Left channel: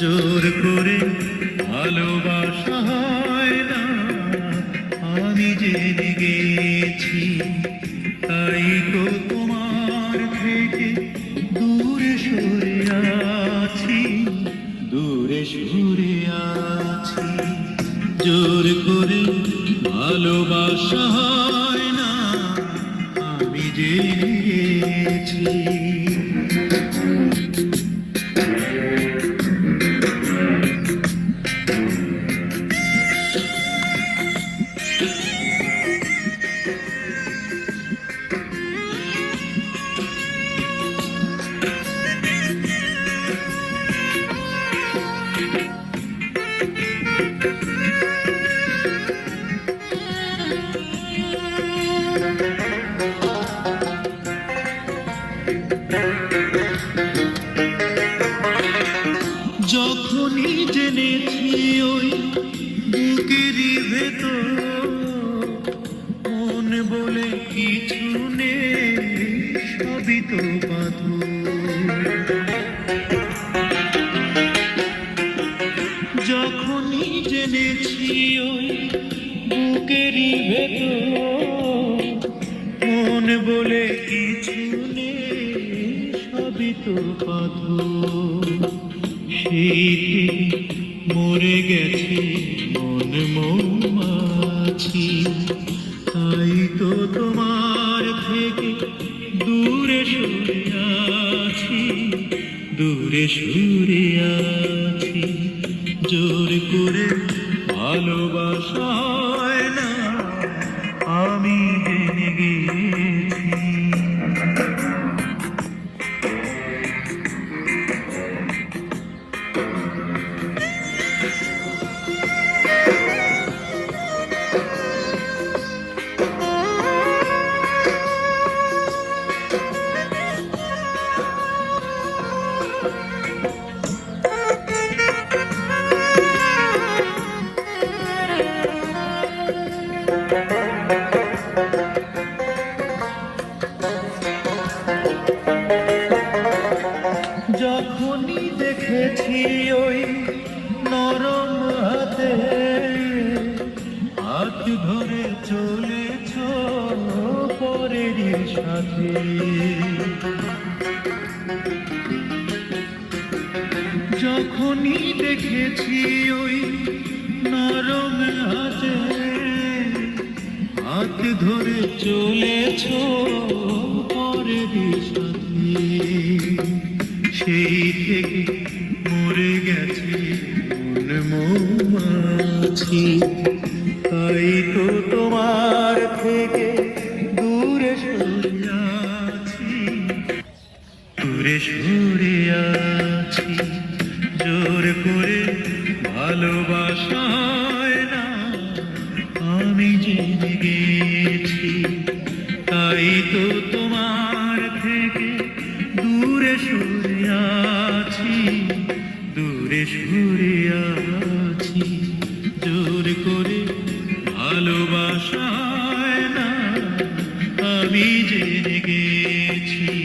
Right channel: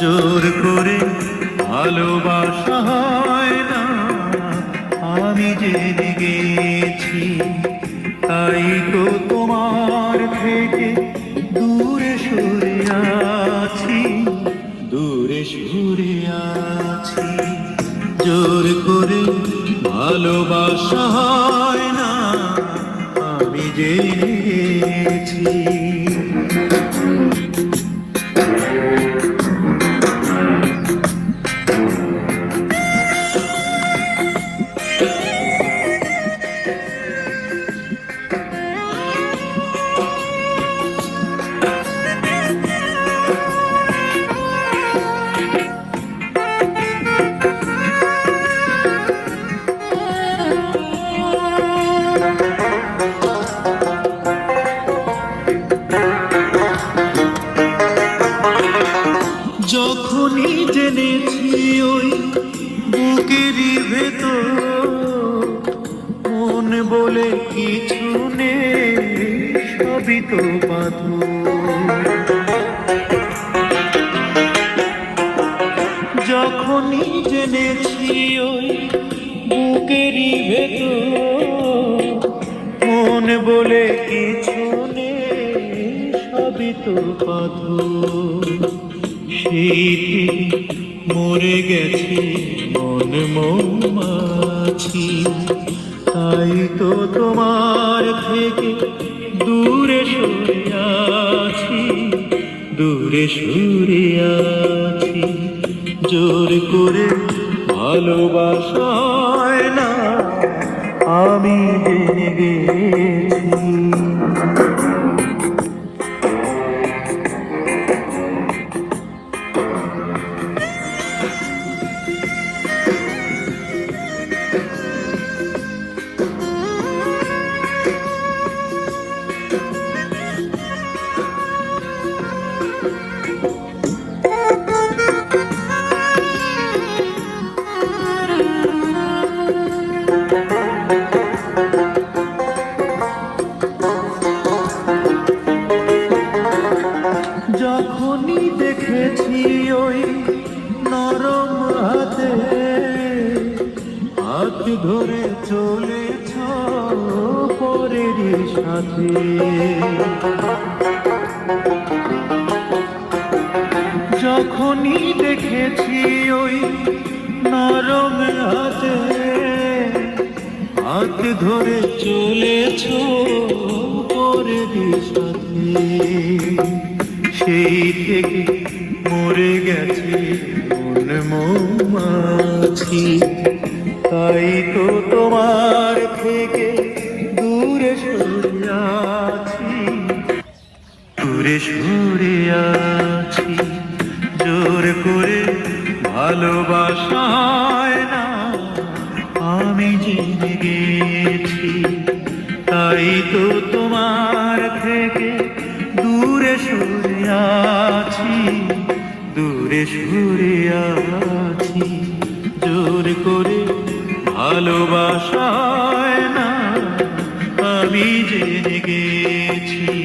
জোর করে ভালোবাসা হয় না, আমি জেনে গেছি। তাই তো তোমার থেকে দূরে সরে আছি, দূরে সরে আছি। জোর করে ভালোবাসা হয় না, আমি জেনেছি। যখনই জেনেছি ওই বুকেরই ভেতর মন বলে কিছু নেই, সবই তো পাথর। যখনই জেনেছি ওই বুকেরই ভেতর মন বলে কিছু নেই, সবই তো পাথর। মরে গেছে মন মৌমাছি, তাই তো তোমার থেকে দূরে সরে আছি, দূরে সরে আছি। জোর করে ভালোবাসা হয় না, আমি জেনে গেছি। যখনই দেখেছি ওই নরম হাতে হাত ধরে চলেছ পরের সাথে, যখনই দেখেছি ওই নরম হাতে হাত ধরে চলেছ পরের সাথে, সেই থেকে মরে গেছে মন মৌমাছি। তাই তো তোমার থেকে দূরে সরে আছি, দূরে সরে আছি। জোর করে ভালোবাসা হয় না, আমি জেনে গেছি। তাই তো তোমার থেকে দূরে সরে আছি, দূরে সরে আছি। জোর করে ভালোবাসা হয় না, আমি জেনে গেছি।